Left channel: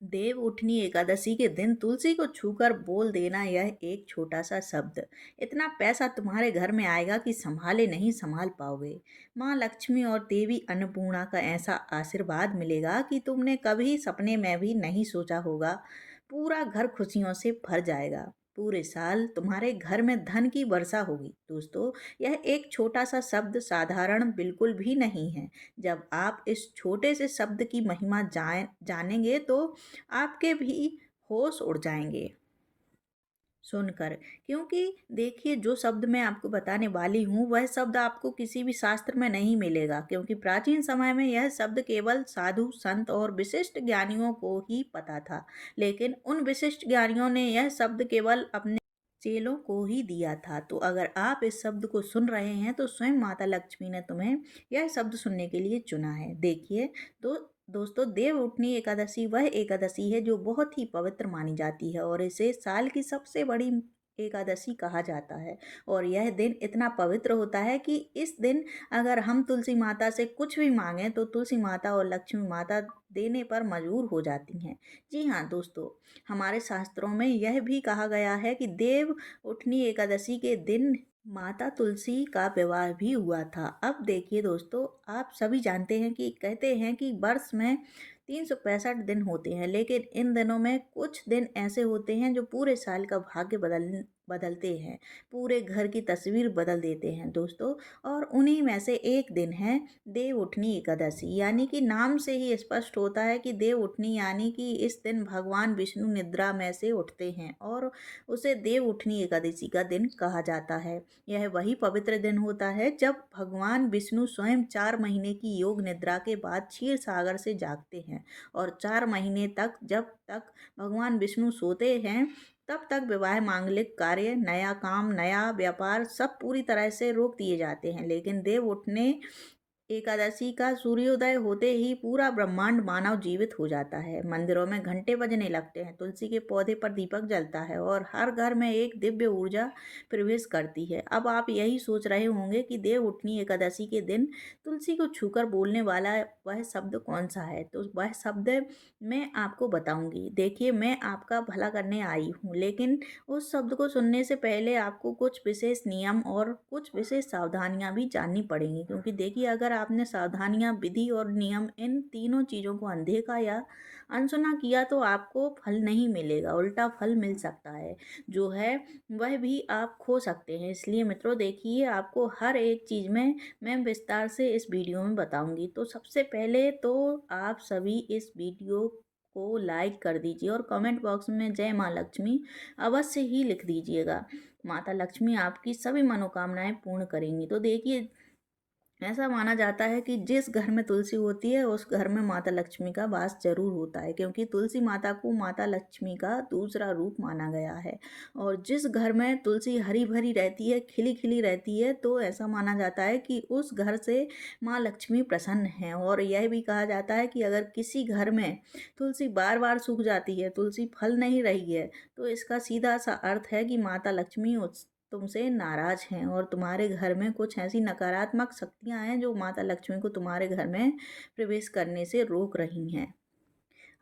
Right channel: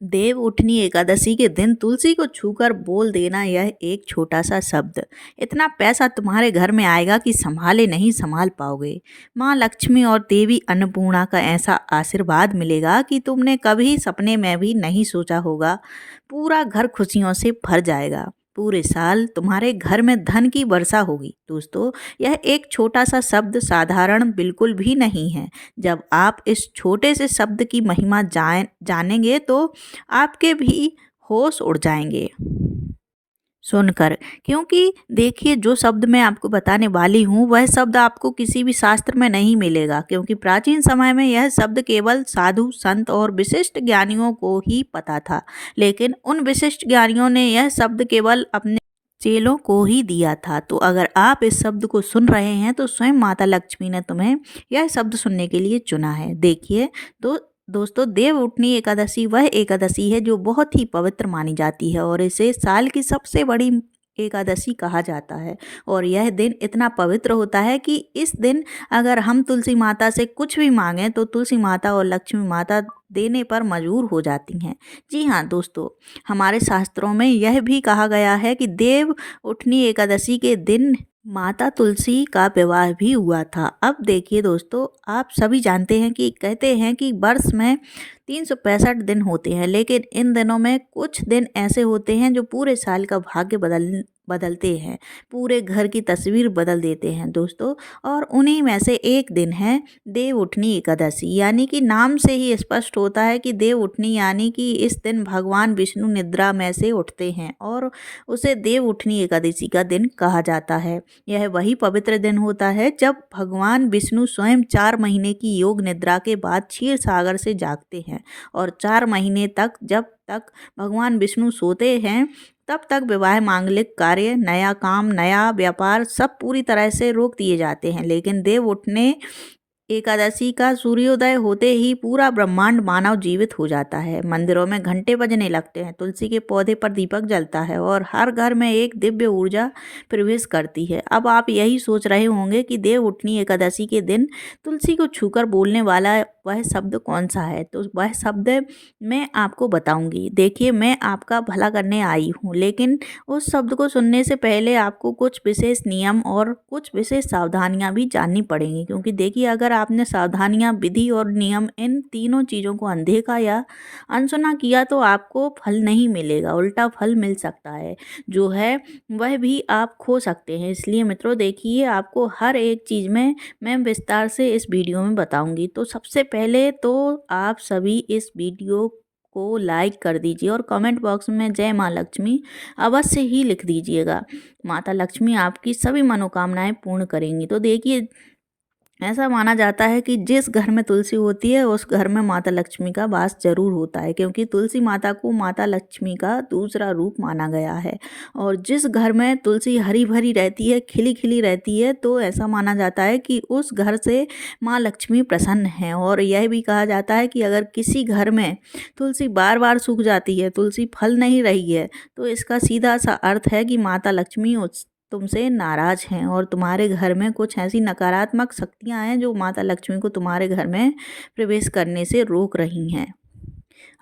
देव उठनी एकादशी के दिन तुलसी को छूकर बोल देना यह एक छोटा सा शब्द इतना पैसा तुम्हारे घर में आएगा कि संभाले नहीं संभाल पाओगे। माँ लक्ष्मी और देवी अन्नपूर्णा का ऐसा आशीर्वाद मिलेगा कि तुमने कभी सपने में भी नहीं सोचा होगा। पूरा घर खुशियों से भर जाएगा। पूरे साल तुम्हारे घर में धन की वर्षा होगी। दोस्तों, यह एक छोटा सा शब्द साधारण बिल्कुल भी नहीं है। जब आप इस छोटे से शब्द की महिमा जानेंगे तो आपके भी होश उड़ जाएंगे सुनकर। क्योंकि देखिए, जो शब्द मैं आपको बताने वाली हूँ वह शब्द आपको किसी भी शास्त्र में नहीं मिलेगा, क्योंकि प्राचीन समय में यह शब्द केवल साधु संत और विशिष्ट ज्ञानियों को ही पता था। लेकिन उन विशिष्ट ज्ञानियों ने यह शब्द केवल अपने चेलों को ही दिया था। तो अगर आप इस शब्द को सुन रहे हैं तो स्वयं माता लक्ष्मी ने तुम्हें यह शब्द सुनने के लिए चुना है। देखिए, तो दोस्तों, देव उठनी एकादशी वह एकादशी है जो बहुत ही पवित्र मानी जाती है और इसे साल की सबसे बड़ी एकादशी कहा जाता है। और यह दिन इतना पवित्र होता है कि इस दिन अगर हम तुलसी माता से कुछ भी मांगें तो तुलसी माता और लक्ष्मी माता देने पर मजबूर हो जाती हैं। जी हाँ दोस्तों, हमारे शास्त्रों में यह भी कहा गया है कि देव उठनी एकादशी के दिन माता तुलसी का विवाह भी हुआ था। अब देखिए दोस्तों, आप सभी जानते हैं कि कहते हैं कि वर्ष में 365 दिन होते हैं, लेकिन इन दिनों में कुछ दिन ऐसे होते हैं जो पूरे साल का भाग्य बदलते हैं, पूरे घर की तस्वीर बदल देते हैं दोस्तों। और उन्हीं में से एक दिन है देव उठनी एकादशी। यानी कि नाम से ही स्पष्ट होता है कि देव उठनी यानी कि इस दिन भगवान विष्णु निद्रा में से उठते हैं और उसे देव उठनी एकादशी का दिन कहा जाता है। यह वही पवित्र दिन होता है जब भगवान विष्णु स्वयं 4 महीने की योग निद्रा के बाद क्षीर सागर से जागते हैं और 4 महीने तक, जब तक भगवान विष्णु सोते हैं तब तक विवाह, मांगलिक कार्य, नया काम, नया व्यापार सब पूरी तरह से रोक दिए जाते हैं। लेकिन देव उठने एकादशी का सूर्योदय होते ही पूरा ब्रह्मांड मानव जीवित हो जाता है। मंदिरों में घंटे बजने लगते हैं, तुलसी के पौधे पर दीपक जलता है और हर घर में एक दिव्य ऊर्जा प्रवेश करती है। अब आप यही सोच रहे होंगे कि देव उठनी एकादशी के दिन तुलसी को छूकर बोलने वाला वह शब्द कौन सा है। तो वह शब्द मैं आपको बताऊंगी। देखिए, मैं आपका भला करने आई हूँ, लेकिन उस शब्द को सुनने से पहले आपको कुछ विशेष नियम और कुछ विशेष सावधानियां भी जाननी पड़ेंगी। क्योंकि देखिए, अगर आपने सावधानियां, विधि और नियम इन तीनों चीज़ों को अनदेखा या अनसुना किया तो आपको फल नहीं मिलेगा, उल्टा फल मिल सकता है। जो है वह भी आप खो सकते हैं। इसलिए मित्रों, देखिए, आपको हर एक चीज़ में मैं विस्तार से इस वीडियो में बताऊंगी। तो सबसे पहले तो आप सभी इस वीडियो को लाइक कर दीजिए और कमेंट बॉक्स में जय माँ लक्ष्मी अवश्य ही लिख दीजिएगा। माता लक्ष्मी आपकी सभी मनोकामनाएं पूर्ण करेंगी। तो देखिए, ऐसा माना जाता है कि जिस घर में तुलसी होती है उस घर में माता लक्ष्मी का वास जरूर होता है, क्योंकि तुलसी माता को माता लक्ष्मी का दूसरा रूप माना गया है। और जिस घर में तुलसी हरी भरी रहती है, खिली खिली रहती है, तो ऐसा माना जाता है कि उस घर से माँ लक्ष्मी प्रसन्न है। और यह भी कहा जाता है कि अगर किसी घर में तुलसी बार बार सूख जाती है, तुलसी फल नहीं रही है, तो इसका सीधा सा अर्थ है कि माता लक्ष्मी उस तुमसे नाराज हैं और तुम्हारे घर में कुछ ऐसी नकारात्मक शक्तियां हैं जो माता लक्ष्मी को तुम्हारे घर में प्रवेश करने से रोक रही हैं।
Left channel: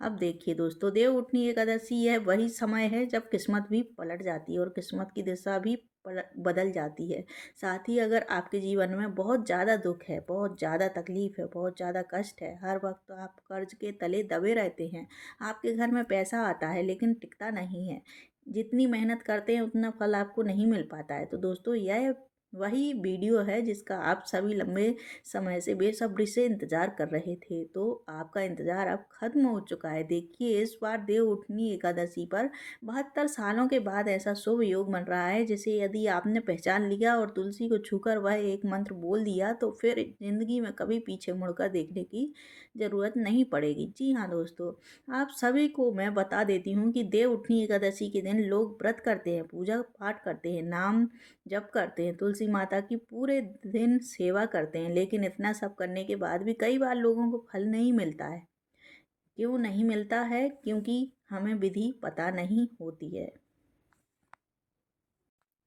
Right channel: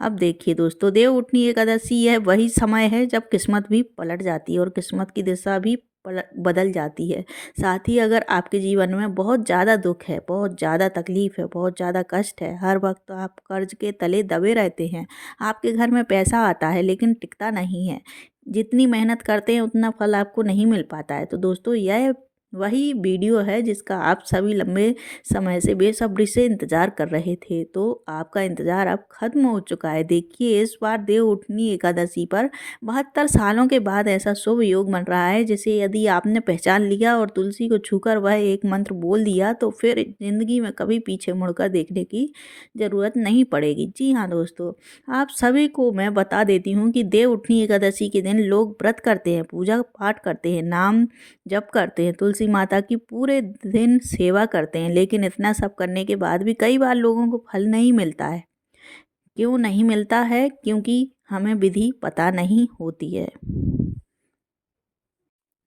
अब देखिए दोस्तों, देव उठनी एकादशी यह वही समय है जब किस्मत भी पलट जाती है और किस्मत की दिशा भी बदल जाती है। साथ ही अगर आपके जीवन में बहुत ज़्यादा दुख है, बहुत ज़्यादा तकलीफ है, बहुत ज़्यादा कष्ट है, हर वक्त आप कर्ज के तले दबे रहते हैं, आपके घर में पैसा आता है लेकिन टिकता नहीं है, जितनी मेहनत करते हैं उतना फल आपको नहीं मिल पाता है, तो दोस्तों, यह वही वीडियो है जिसका आप सभी लंबे समय से बेसब्री से इंतज़ार कर रहे थे। तो आपका इंतज़ार अब खत्म हो चुका है। देखिए, इस बार देव उठनी एकादशी पर 72 सालों के बाद ऐसा शुभ योग बन रहा है जिसे यदि आपने पहचान लिया और तुलसी को छूकर वह एक मंत्र बोल दिया तो फिर जिंदगी में कभी पीछे मुड़कर देखने की ज़रूरत नहीं पड़ेगी। जी हाँ दोस्तों, आप सभी को मैं बता देती हूँ कि देव उठनी एकादशी के दिन लोग व्रत करते हैं, पूजा पाठ करते हैं, नाम जप करते हैं, तुलसी माता की पूरे दिन सेवा करते हैं, लेकिन इतना सब करने के बाद भी कई बार लोगों को फल नहीं मिलता है। क्यों नहीं मिलता है? क्योंकि हमें विधि पता नहीं होती है।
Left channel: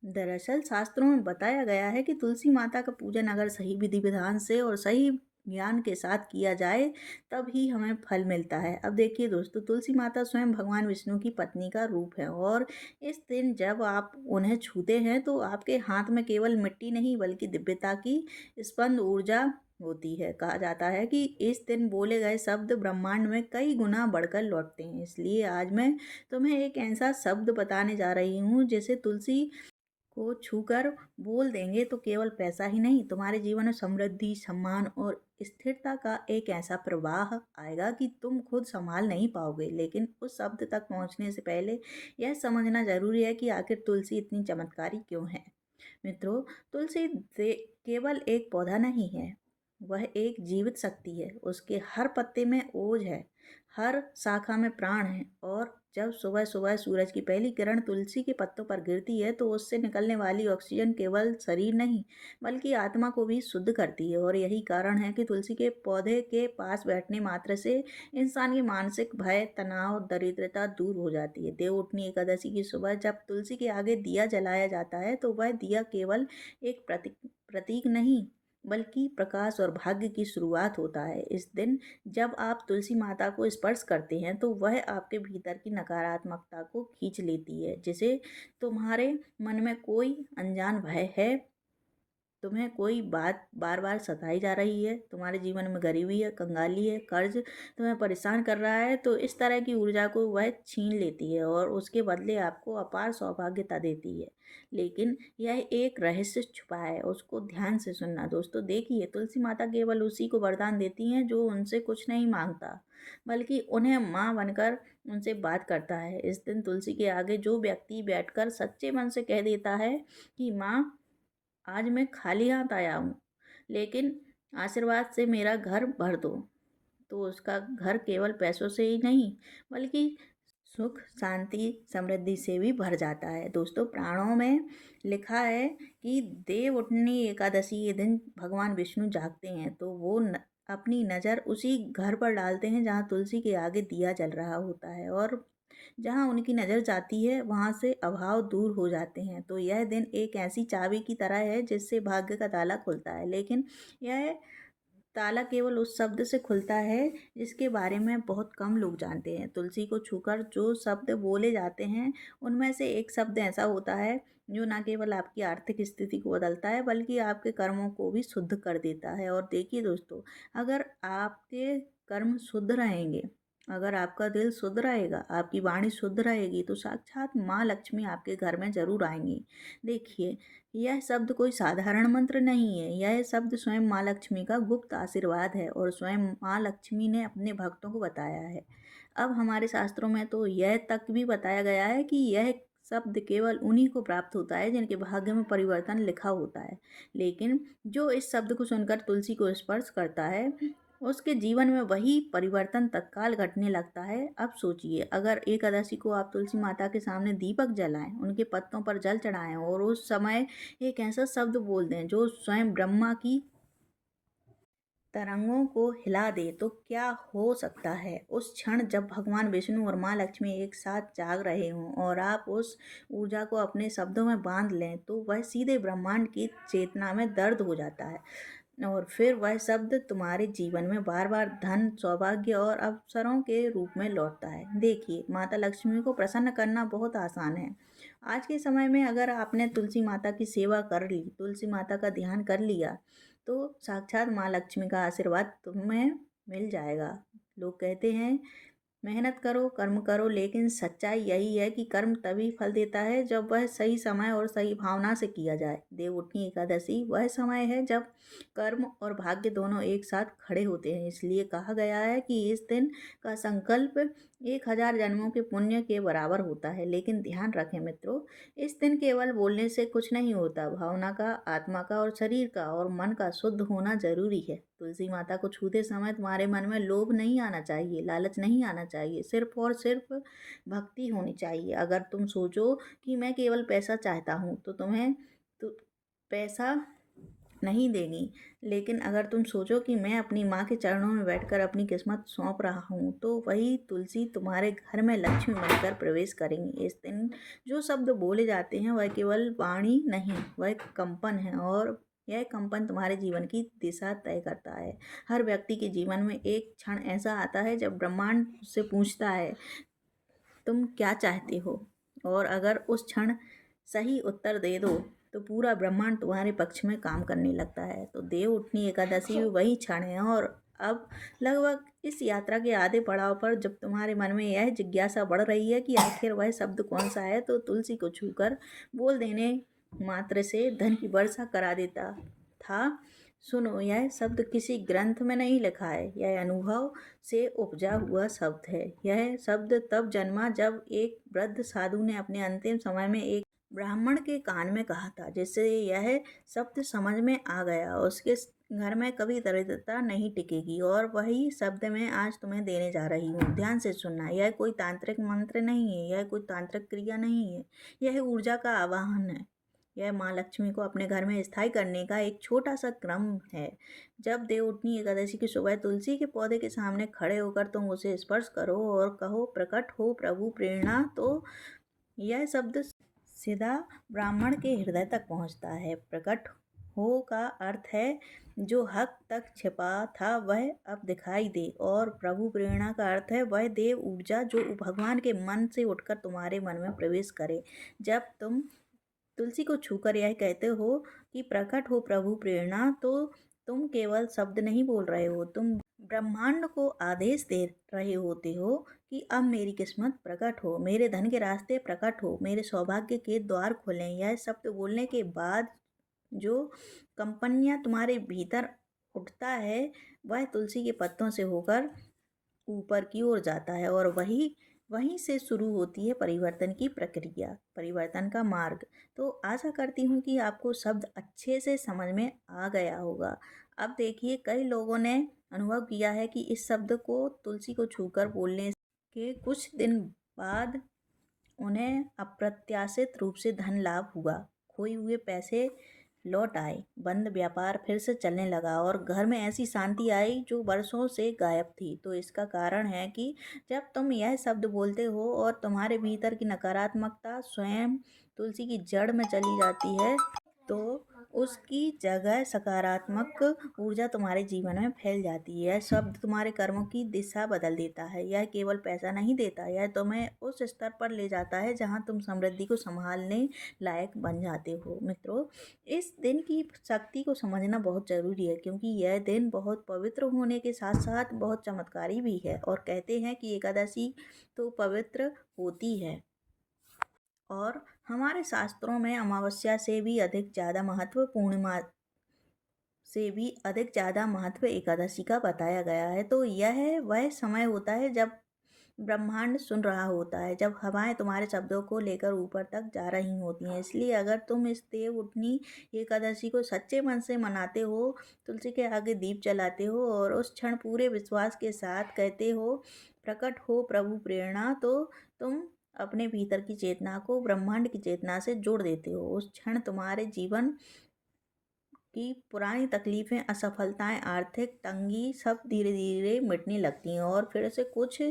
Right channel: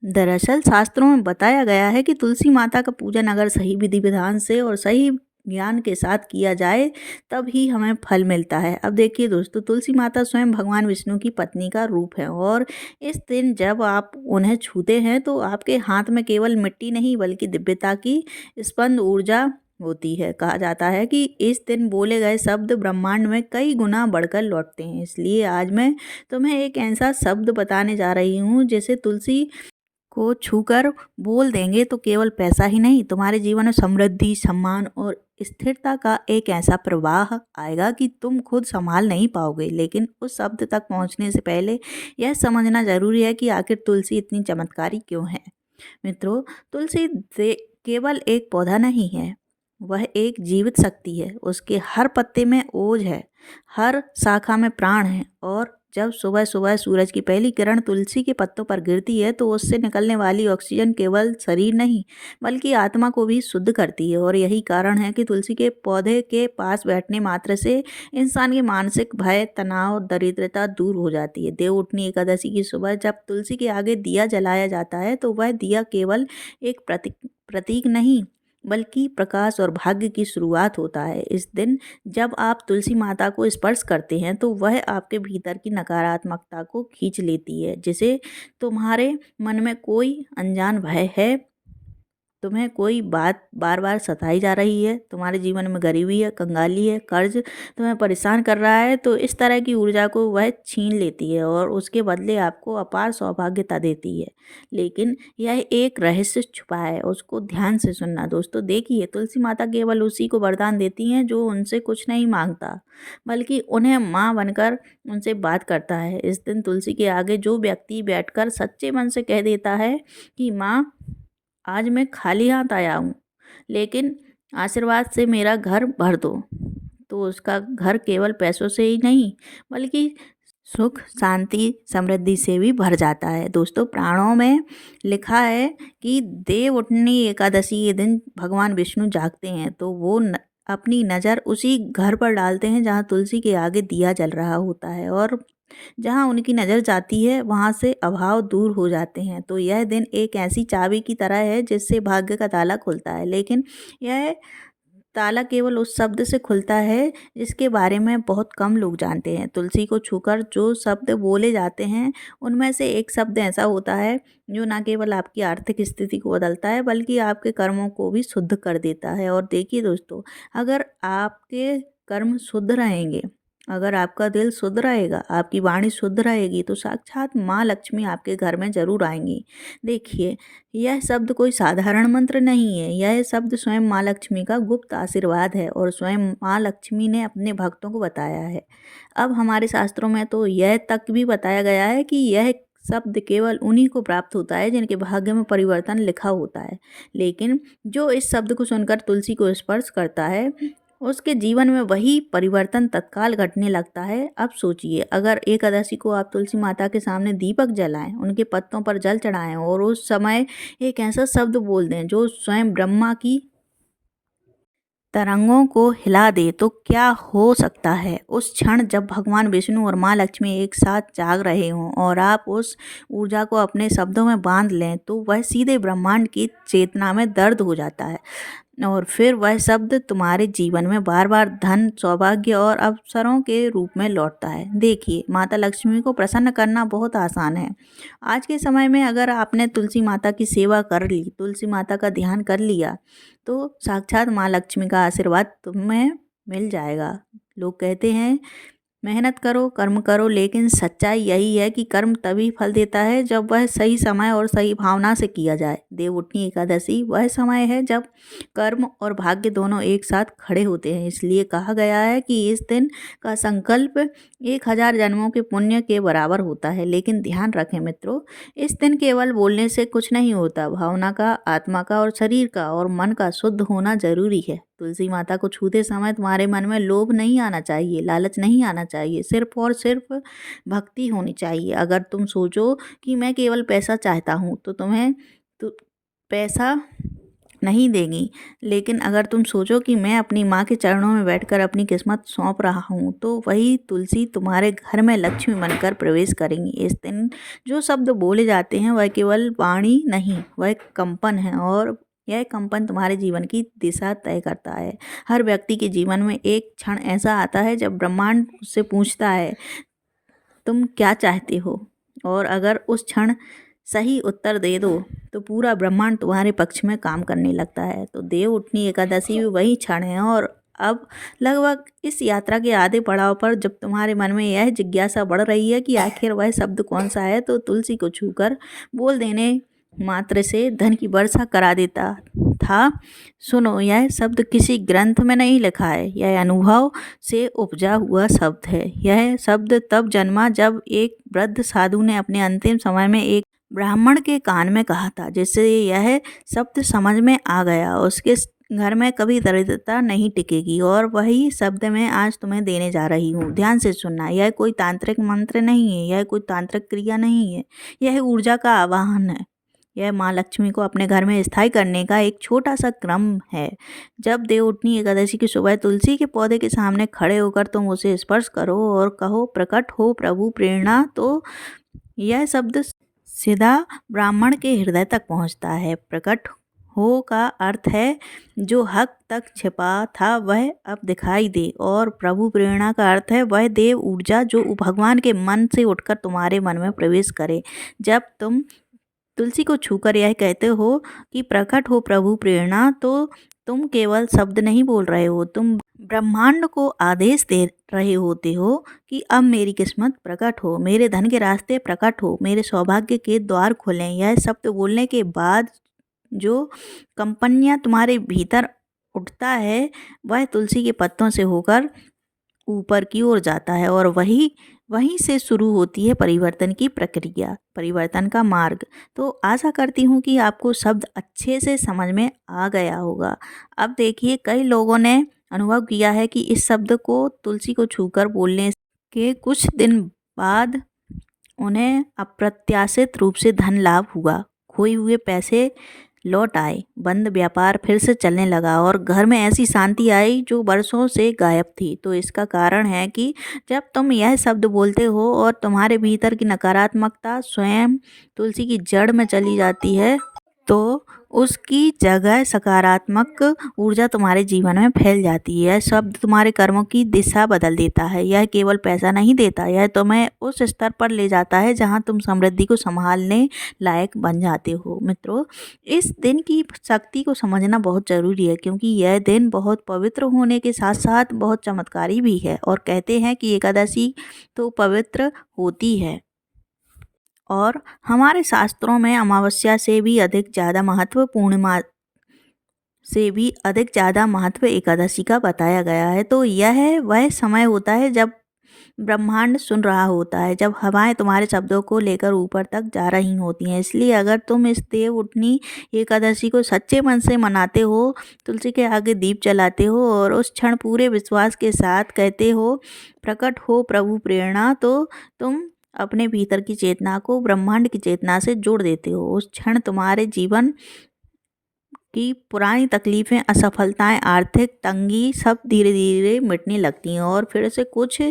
दरअसल शास्त्रों में बताया गया है कि तुलसी माता का पूजन अगर सही विधि विधान से और सही ज्ञान के साथ किया जाए तब ही हमें फल मिलता है। अब देखिए दोस्तों, तुलसी माता स्वयं भगवान विष्णु की पत्नी का रूप है और इस दिन जब आप उन्हें छूते हैं तो आपके हाथ में केवल मिट्टी नहीं बल्कि दिव्यता की स्पंद ऊर्जा होती है। कहा जाता है कि इस दिन बोले गए शब्द ब्रह्मांड में कई गुना बढ़कर लौटते हैं। इसलिए आज मैं तुम्हें एक ऐसा शब्द बताने जा रही हूँ जिसे तुलसी को छूकर बोल देंगे तो केवल पैसा ही नहीं, तुम्हारे जीवन में समृद्धि, सम्मान और स्थिरता का एक ऐसा प्रवाह आएगा कि तुम खुद संभाल नहीं पाओगे। लेकिन उस शब्द तक पहुंचने से पहले यह समझना जरूरी है कि आखिर तुलसी इतनी चमत्कारी क्यों है। मित्रों, तुलसी केवल एक पौधा नहीं है, वह एक जीवित शक्ति है। उसके हर पत्ते में ओज है, हर शाखा में प्राण है और जब सुबह सुबह सूरज की पहली किरण तुलसी के पत्तों पर गिरती है तो उससे निकलने वाली ऑक्सीजन केवल शरीर नहीं बल्कि आत्मा को भी शुद्ध करती है। और यही कारण है कि तुलसी के पौधे के पास बैठने मात्र से इंसान की मानसिक भय, तनाव, दरिद्रता दूर हो जाती है। देवउठनी एकादशी की सुबह जब तुलसी के आगे दिया जलाया जाता है तो वह दिया केवल एक प्रतीक नहीं बल्कि प्रकाश और भाग्य की शुरुआत होता है। इस दिन जब आप तुलसी माता को स्पर्श करते हैं तो वह आपके भीतर की नकारात्मकता को खींच लेती है। जिसे तुम्हारे मन में कोई अनजान भय है, तुम्हें कोई बात बार बार सताई जा रही है, तुम्हारे जीवन में गरीबी है, कंगाली है, कर्ज तुम्हें परेशान कर रहा है, तो इस तरह की ऊर्जा को वह छीन लेती है और उसके बदले आपको अपार सौभाग्यता देती है। लेकिन यह एक रहस्य छुपा है, उसको ध्यान से सुनना। दोस्तों देखिए, तुलसी माता केवल उसी को वरदान देती हैं जो उनसे कुछ नहीं मांगता बल्कि उन्हें माँ बनकर उनसे बात करता है। इस दिन तुलसी के आगे जो व्यक्ति बैठकर सच्चे मन से कह देता है कि माँ, आज मैं खाली हाथ आया हूँ लेकिन आशीर्वाद से मेरा घर भर दो, तो उसका घर केवल पैसों से ही नहीं बल्कि सुख, शांति, समृद्धि से भी भर जाता है। दोस्तों, पुराणों में लिखा है कि देवउठनी एकादशी के दिन भगवान विष्णु जागते हैं तो वो अपनी नज़र उसी घर पर डालते हैं जहाँ तुलसी के आगे दिया जल रहा होता है और जहाँ उनकी नज़र जाती है वहाँ से अभाव दूर हो जाते हैं। तो यह दिन एक ऐसी चाबी की तरह है जिससे भाग्य का ताला खुलता है। लेकिन यह ताला केवल उस शब्द से खुलता है जिसके बारे में बहुत कम लोग जानते हैं। तुलसी को छूकर जो शब्द बोले जाते हैं उनमें से एक शब्द ऐसा होता है जो न केवल आपकी आर्थिक स्थिति को बदलता है बल्कि आपके कर्मों को भी शुद्ध कर देता है। और देखिए दोस्तों, अगर आपके कर्म शुद्ध रहेंगे, अगर आपका दिल शुद्ध रहेगा, आपकी वाणी शुद्ध रहेगी तो साक्षात माँ लक्ष्मी आपके घर में जरूर आएंगी। देखिए, यह शब्द कोई साधारण मंत्र नहीं है, यह शब्द स्वयं माँ लक्ष्मी का गुप्त आशीर्वाद है और स्वयं माँ लक्ष्मी ने अपने भक्तों को बताया है। अब हमारे शास्त्रों में तो यह तक भी बताया गया है कि यह शब्द केवल उन्हीं को प्राप्त होता है जिनके भाग्य में परिवर्तन लिखा होता है। लेकिन जो इस शब्द को सुनकर तुलसी को स्पर्श करता है उसके जीवन में वही परिवर्तन तत्काल घटने लगता है। अब सोचिए, अगर एकादशी को आप तुलसी माता के सामने दीपक जलाएं, उनके पत्तों पर जल चढ़ाएं और उस समय एक ऐसा शब्द बोल दें जो स्वयं ब्रह्मा की तरंगों को हिला दे, तो क्या हो सकता है। उस क्षण जब भगवान विष्णु और माँ लक्ष्मी एक साथ जाग रहे हों और आप उस ऊर्जा को अपने शब्दों में बांध लें तो वह सीधे ब्रह्मांड की चेतना में दर्द हो जाता है और फिर वह शब्द तुम्हारे जीवन में बार बार धन, सौभाग्य और अवसरों के रूप में लौटता है। देखिए, माता लक्ष्मी को प्रसन्न करना बहुत आसान है। आज के समय में अगर आपने तुलसी माता की सेवा कर ली, तुलसी माता का ध्यान कर लिया तो साक्षात माँ लक्ष्मी का आशीर्वाद तुम्हें मिल जाएगा। लोग कहते हैं मेहनत करो, कर्म करो, लेकिन सच्चाई यही है कि कर्म तभी फल देता है जब वह सही समय और सही भावना से किया जाए। देवउठनी एकादशी वह समय है जब कर्म और भाग्य दोनों एक साथ खड़े होते हैं। इसलिए कहा गया है कि इस दिन का संकल्प 1000 जन्मों के पुण्य के बराबर होता है। लेकिन ध्यान रखें मित्रों, इस दिन केवल बोलने से कुछ नहीं होता, भावना का, आत्मा का और शरीर का और मन का शुद्ध होना जरूरी है। तुलसी माता को छूते समय तुम्हारे मन में लोभ नहीं आना चाहिए, लालच नहीं आना चाहिए, सिर्फ और सिर्फ भक्ति होनी चाहिए। अगर तुम सोचो कि मैं केवल पैसा चाहता हूँ तो तुम्हें तो पैसा नहीं देगी, लेकिन अगर तुम सोचो कि मैं अपनी माँ के चरणों में बैठकर अपनी किस्मत सौंप रहा हूँ तो वही तुलसी तुम्हारे घर में लक्ष्मी बनकर प्रवेश करेंगी। इस दिन जो शब्द बोले जाते हैं वह केवल वाणी नहीं, वह कंपन है और यह कंपन तुम्हारे जीवन की दिशा तय करता है। हर व्यक्ति के जीवन में एक क्षण ऐसा आता है जब ब्रह्मांड उससे पूछता है, तुम क्या चाहते हो? और अगर उस क्षण सही उत्तर दे दो तो पूरा ब्रह्मांड तुम्हारे पक्ष में काम करने लगता है। तो देव उठनी एकादशी भी वही क्षण है। और अब लगभग इस यात्रा के आधे पड़ाव पर जब तुम्हारे मन में यह जिज्ञासा बढ़ रही है कि आखिर वह शब्द कौन सा है, तो तुलसी को छूकर बोल देने मात्र से धन की वर्षा करा देता था। सुनो, यह शब्द किसी ग्रंथ में नहीं लिखा है, यह अनुभव से उपजा हुआ शब्द है। यह शब्द तब जन्मा जब एक वृद्ध साधु ने अपने अंतिम समय में एक ब्राह्मण के कान में कहा था, जिससे यह शब्द समझ में आ गया। उसके घर में कभी दरिद्रता नहीं टिकेगी। और वही शब्द मैं आज तुम्हें देने जा रही हूँ। ध्यान से सुनना, यह कोई तांत्रिक मंत्र नहीं है, यह कोई तांत्रिक क्रिया नहीं है, यह ऊर्जा का आवाहन है। यह माँ लक्ष्मी को अपने घर में स्थायी करने का एक छोटा सा क्रम है। जब देवउठनी एकादशी की सुबह तुलसी के पौधे के सामने खड़े होकर तुम उसे स्पर्श करो और कहो, प्रकट हो प्रभु प्रेरणा, तो यह शब्द सीधा ब्राह्मण के हृदय तक पहुंचता है। प्रकट हो का अर्थ है जो हक तक छिपा था वह अब दिखाई दे, और प्रभु प्रेरणा का अर्थ है वह देव ऊर्जा जो भगवान के मन से उठकर तुम्हारे मन में प्रवेश करे। जब तुम तुलसी को छूकर यह कहते हो कि प्रकट हो प्रभु प्रेरणा, तो तुम केवल शब्द नहीं बोल रहे हो, तुम ब्रह्मांड को आदेश दे रहे होते हो कि अब मेरी किस्मत प्रकट हो, मेरे धन के रास्ते प्रकट हो, मेरे सौभाग्य के द्वार खुलें। यह शब्द बोलने के बाद जो कंपनियां तुम्हारे भीतर उठता है वह तुलसी के पत्तों से होकर ऊपर की ओर जाता है, और वहीं से शुरू होती है परिवर्तन की प्रक्रिया, परिवर्तन का मार्ग। तो आशा करती हूँ कि आपको शब्द अच्छे से समझ में आ गया होगा। अब देखिए, कई लोगों ने अनुभव किया है कि इस शब्द को तुलसी को छूकर बोलने के कुछ दिन बाद उन्हें अप्रत्याशित रूप से धन लाभ हुआ, खोए हुए पैसे लौट आए, बंद व्यापार फिर से चलने लगा, और घर में ऐसी शांति आई जो वर्षों से गायब थी। तो इसका कारण है कि जब तुम यह शब्द बोलते हो और तुम्हारे भीतर की नकारात्मकता स्वयं तुलसी की जड़ में चली जाती है, तो उसकी जगह सकारात्मक ऊर्जा तुम्हारे जीवन में फैल जाती है। यह शब्द तुम्हारे कर्मों की दिशा बदल देता है। यह केवल पैसा नहीं देता, यह तुम्हें उस स्तर पर ले जाता है जहां तुम समृद्धि को संभालने लायक बन जाते हो। मित्रों, इस दिन की शक्ति को समझना बहुत ज़रूरी है, क्योंकि यह दिन बहुत पवित्र होने के साथ साथ बहुत चमत्कारी भी है। और कहते हैं कि एकादशी तो पवित्र होती है, और हमारे शास्त्रों में अमावस्या से भी अधिक ज़्यादा महत्व, पूर्णिमा से भी अधिक ज़्यादा महत्व एकादशी का बताया गया है। तो यह वह समय होता है जब ब्रह्मांड सुन रहा होता है, जब हवाएं तुम्हारे शब्दों को लेकर ऊपर तक जा रही होती हैं। इसलिए अगर तुम इस देव उठनी एकादशी को सच्चे मन से मनाते हो, तुलसी के आगे दीप जलाते हो और उस क्षण पूरे विश्वास के साथ कहते हो, प्रकट हो प्रभु प्रेरणा, तो तुम अपने भीतर की चेतना को ब्रह्मांड की चेतना से जोड़ देते हो। उस क्षण तुम्हारे जीवन की पुरानी तकलीफ़ें, असफलताएं, आर्थिक तंगी सब धीरे धीरे मिटने लगती हैं, और फिर से कुछ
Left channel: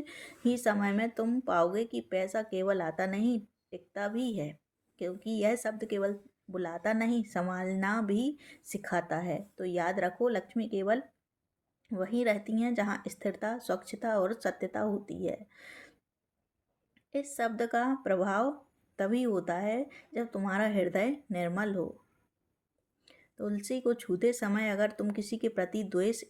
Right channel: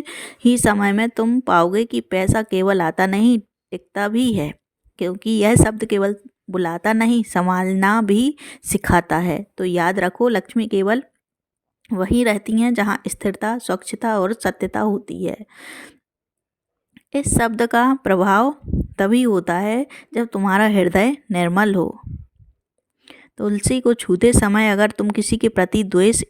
ही समय में तुम पाओगे कि पैसा केवल आता नहीं, टिकता भी है। क्योंकि यह शब्द केवल बुलाता नहीं, संभालना भी सिखाता है। तो याद रखो, लक्ष्मी केवल वहीं रहती हैं जहाँ स्थिरता, स्वच्छता और सत्यता होती है। इस शब्द का प्रभाव तभी होता है जब तुम्हारा हृदय निर्मल हो। तुलसी को छूते समय अगर तुम किसी के प्रति द्वेष,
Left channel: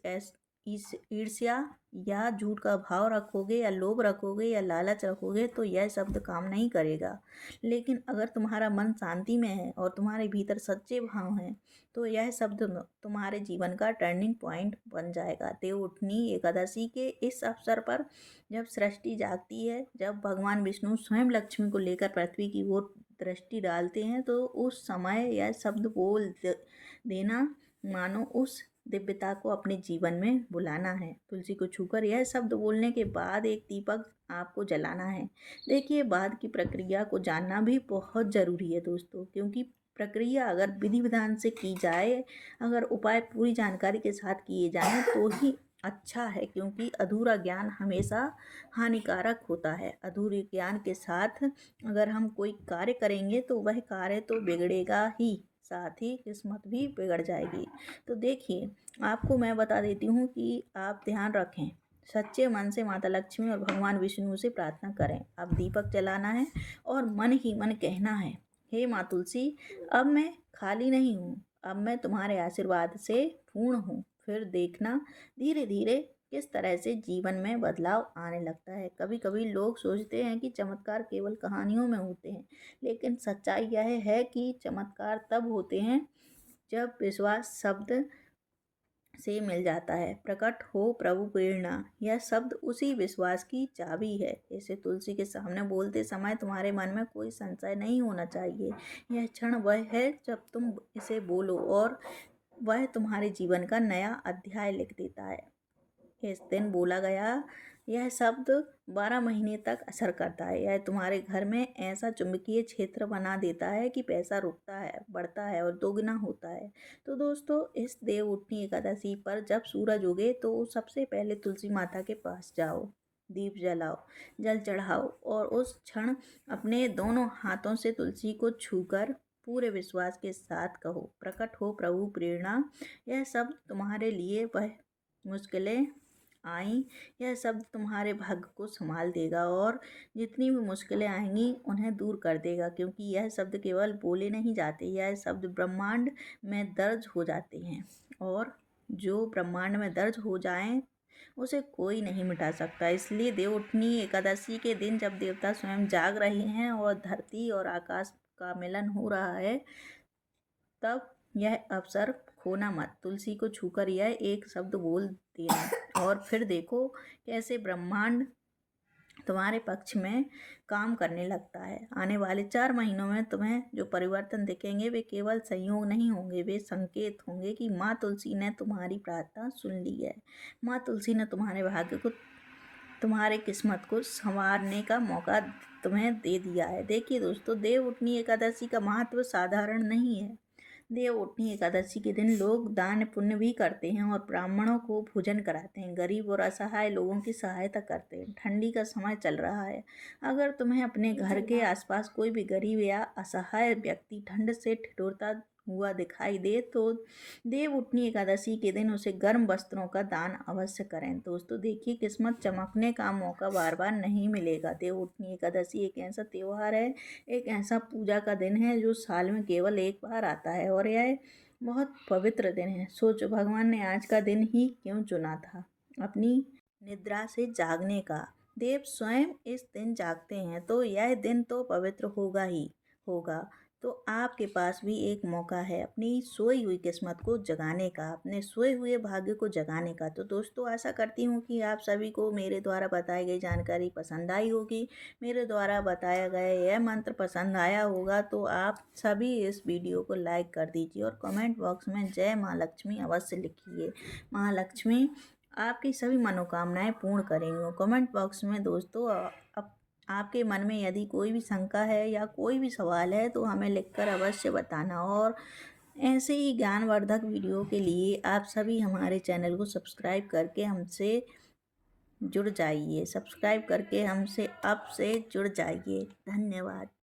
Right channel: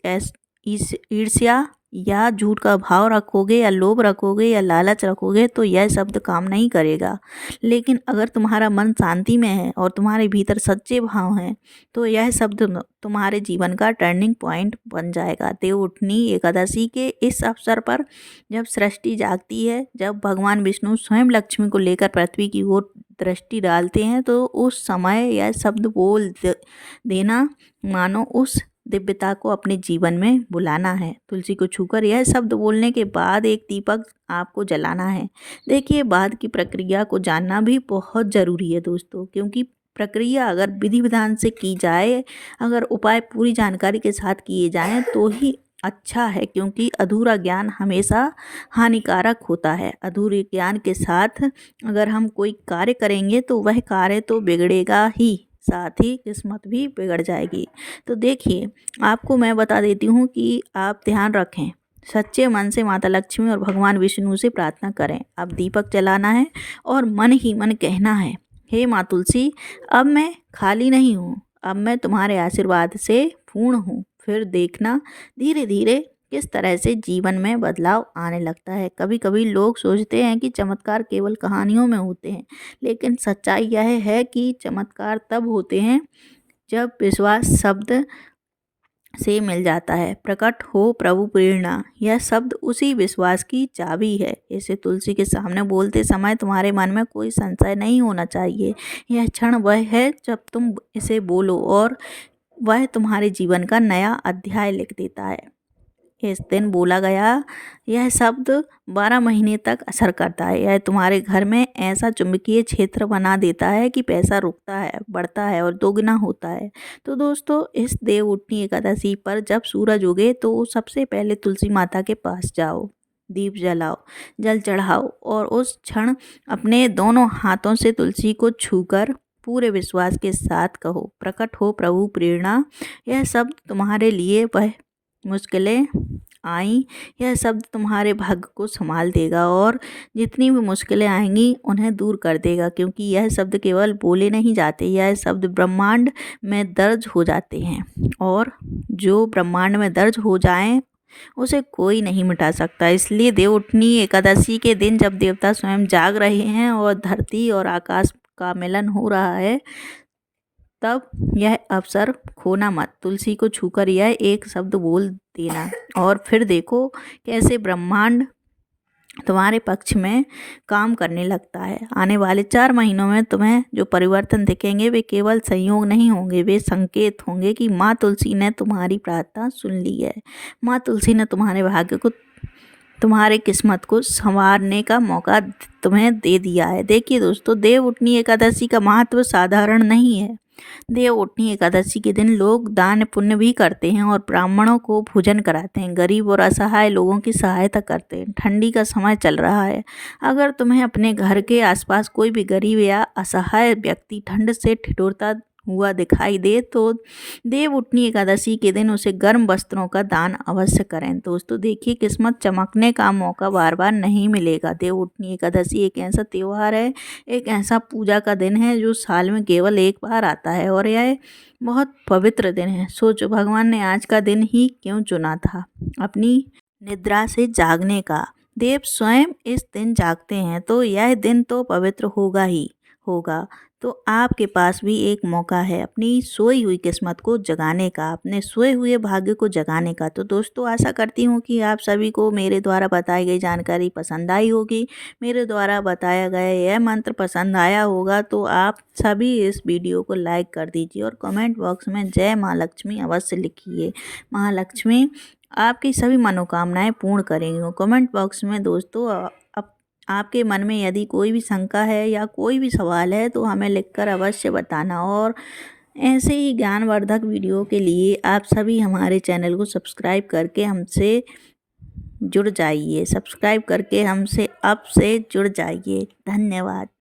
ईर्ष्या या झूठ का भाव रखोगे, या लोभ रखोगे, या लालच रखोगे, तो यह शब्द काम नहीं करेगा। लेकिन अगर तुम्हारा मन शांति में है और तुम्हारे भीतर सच्चे भाव हैं, तो यह शब्द तुम्हारे जीवन का टर्निंग पॉइंट बन जाएगा। देव उठनी एकादशी के इस अवसर पर जब सृष्टि जागती है, जब भगवान विष्णु स्वयं लक्ष्मी को लेकर पृथ्वी की ओर दृष्टि डालते हैं, तो उस समय यह शब्द बोल देना मानो उस दिव्यता को अपने जीवन में बुलाना है। तुलसी को छूकर यह शब्द बोलने के बाद एक दीपक आपको जलाना है। देखिए, बाद की प्रक्रिया को जानना भी बहुत ज़रूरी है दोस्तों, क्योंकि प्रक्रिया अगर विधि विधान से की जाए, अगर उपाय पूरी जानकारी के साथ किए जाएं तो ही अच्छा है, क्योंकि अधूरा ज्ञान हमेशा हानिकारक होता है। अधूरे ज्ञान के साथ अगर हम कोई कार्य करेंगे तो वह कार्य तो बिगड़ेगा ही, साथ ही किस्मत भी बिगड़ जाएगी। तो देखिए, आपको मैं बता देती हूँ कि आप ध्यान रखें, सच्चे मन से माता लक्ष्मी और भगवान विष्णु से प्रार्थना करें। अब दीपक जलाना है और मन ही मन कहना है, हे माँ तुलसी, अब मैं खाली नहीं हूँ, अब मैं तुम्हारे आशीर्वाद से पूर्ण हूँ। फिर देखना धीरे धीरे किस तरह से जीवन में बदलाव आने लगता है। कभी कभी लोग सोचते हैं कि चमत्कार केवल कहानियों में होते हैं, लेकिन सच्चाई यह है कि चमत्कार तब होते हैं जब विश्वास शब्द से मिल जाता है। प्रकट हो प्रभु प्रेरणा, यह शब्द उसी विश्वास की चाबी है। इसे तुलसी के सामने बोलते समय तुम्हारे मन में कोई संशय नहीं होना चाहिए। यह क्षण वह है जब तुम इसे बोलो और वह तुम्हारे जीवन का नया अध्याय लिख देता है। इस दिन बोला गया यह शब्द 12 महीने तक असर करता है। यह तुम्हारे घर में ऐसा चुंबकीय क्षेत्र बना देता है कि पैसा रुकता है, बढ़ता है और दोगुना होता है। तो दोस्तों, इस देव उठनी एकादशी पर जब सूरज उगे तो सबसे पहले तुलसी माता के पास जाओ, दीप जलाओ, जल चढ़ाओ और उस क्षण अपने दोनों हाथों से तुलसी को छूकर पूरे विश्वास के साथ कहो, प्रकट हो प्रभु प्रेरणा। यह शब्द तुम्हारे लिए वह मुश्किलें आई, यह शब्द तुम्हारे भाग्य को संभाल देगा और जितनी भी मुश्किलें आएंगी उन्हें दूर कर देगा, क्योंकि यह शब्द केवल बोले नहीं जाते, यह शब्द ब्रह्मांड में दर्ज हो जाते हैं और जो ब्रह्मांड में दर्ज हो जाएं उसे कोई नहीं मिटा सकता। इसलिए देवउठनी एकादशी के दिन जब देवता स्वयं जाग रहे हैं और धरती और आकाश का मिलन हो रहा है, तब यह अवसर खोना मत। तुलसी को छूकर यह एक शब्द बोल देना और फिर देखो कैसे ब्रह्मांड तुम्हारे पक्ष में काम करने लगता है। आने वाले 4 महीनों में तुम्हें जो परिवर्तन दिखेंगे वे केवल संयोग नहीं होंगे, वे संकेत होंगे कि माँ तुलसी ने तुम्हारी प्रार्थना सुन ली है। माँ तुलसी ने तुम्हारे भाग्य को, तुम्हारे किस्मत को संवारने का मौका तुम्हें दे दिया है। देखिए दोस्तों, देव उठनी एकादशी का महत्व साधारण नहीं है। देव उठनी एकादशी के दिन लोग दान पुण्य भी करते हैं और ब्राह्मणों को भोजन कराते हैं, गरीब और असहाय लोगों की सहायता करते हैं। ठंडी का समय चल रहा है, अगर तुम्हें अपने घर के आसपास कोई भी गरीब या असहाय व्यक्ति ठंड से ठिठुरता हुआ दिखाई दे तो देव उठनी एकादशी के दिन उसे गर्म वस्त्रों का दान अवश्य करें। दोस्तों देखिए, किस्मत चमकने का मौका बार बार नहीं मिलेगा। देव उठनी एकादशी एक ऐसा त्यौहार है, एक ऐसा पूजा का दिन है जो साल में केवल एक बार आता है और यह बहुत पवित्र दिन है। सोचो, भगवान ने आज का दिन ही क्यों चुना था अपनी निद्रा से जागने का। देव स्वयं इस दिन जागते हैं तो यह दिन तो पवित्र होगा ही होगा। तो आपके पास भी एक मौका है अपनी सोई हुई किस्मत को जगाने का, अपने सोए हुए भाग्य को जगाने का। तो दोस्तों, आशा करती हूँ कि आप सभी को मेरे द्वारा बताई गई जानकारी पसंद आई होगी, मेरे द्वारा बताया गया यह मंत्र पसंद आया होगा। तो आप सभी इस वीडियो को लाइक कर दीजिए और कमेंट बॉक्स में जय माँ लक्ष्मी अवश्य लिखिए। माँ लक्ष्मी आपकी सभी मनोकामनाएं पूर्ण करेंगी। कमेंट बॉक्स में दोस्तों आपके मन में यदि कोई भी शंका है या कोई भी सवाल है तो हमें लिखकर अवश्य बताना। और ऐसे ही ज्ञानवर्धक वीडियो के लिए आप सभी हमारे चैनल को सब्सक्राइब करके हमसे जुड़ जाइए, सब्सक्राइब करके हमसे अब से जुड़ जाइए। धन्यवाद।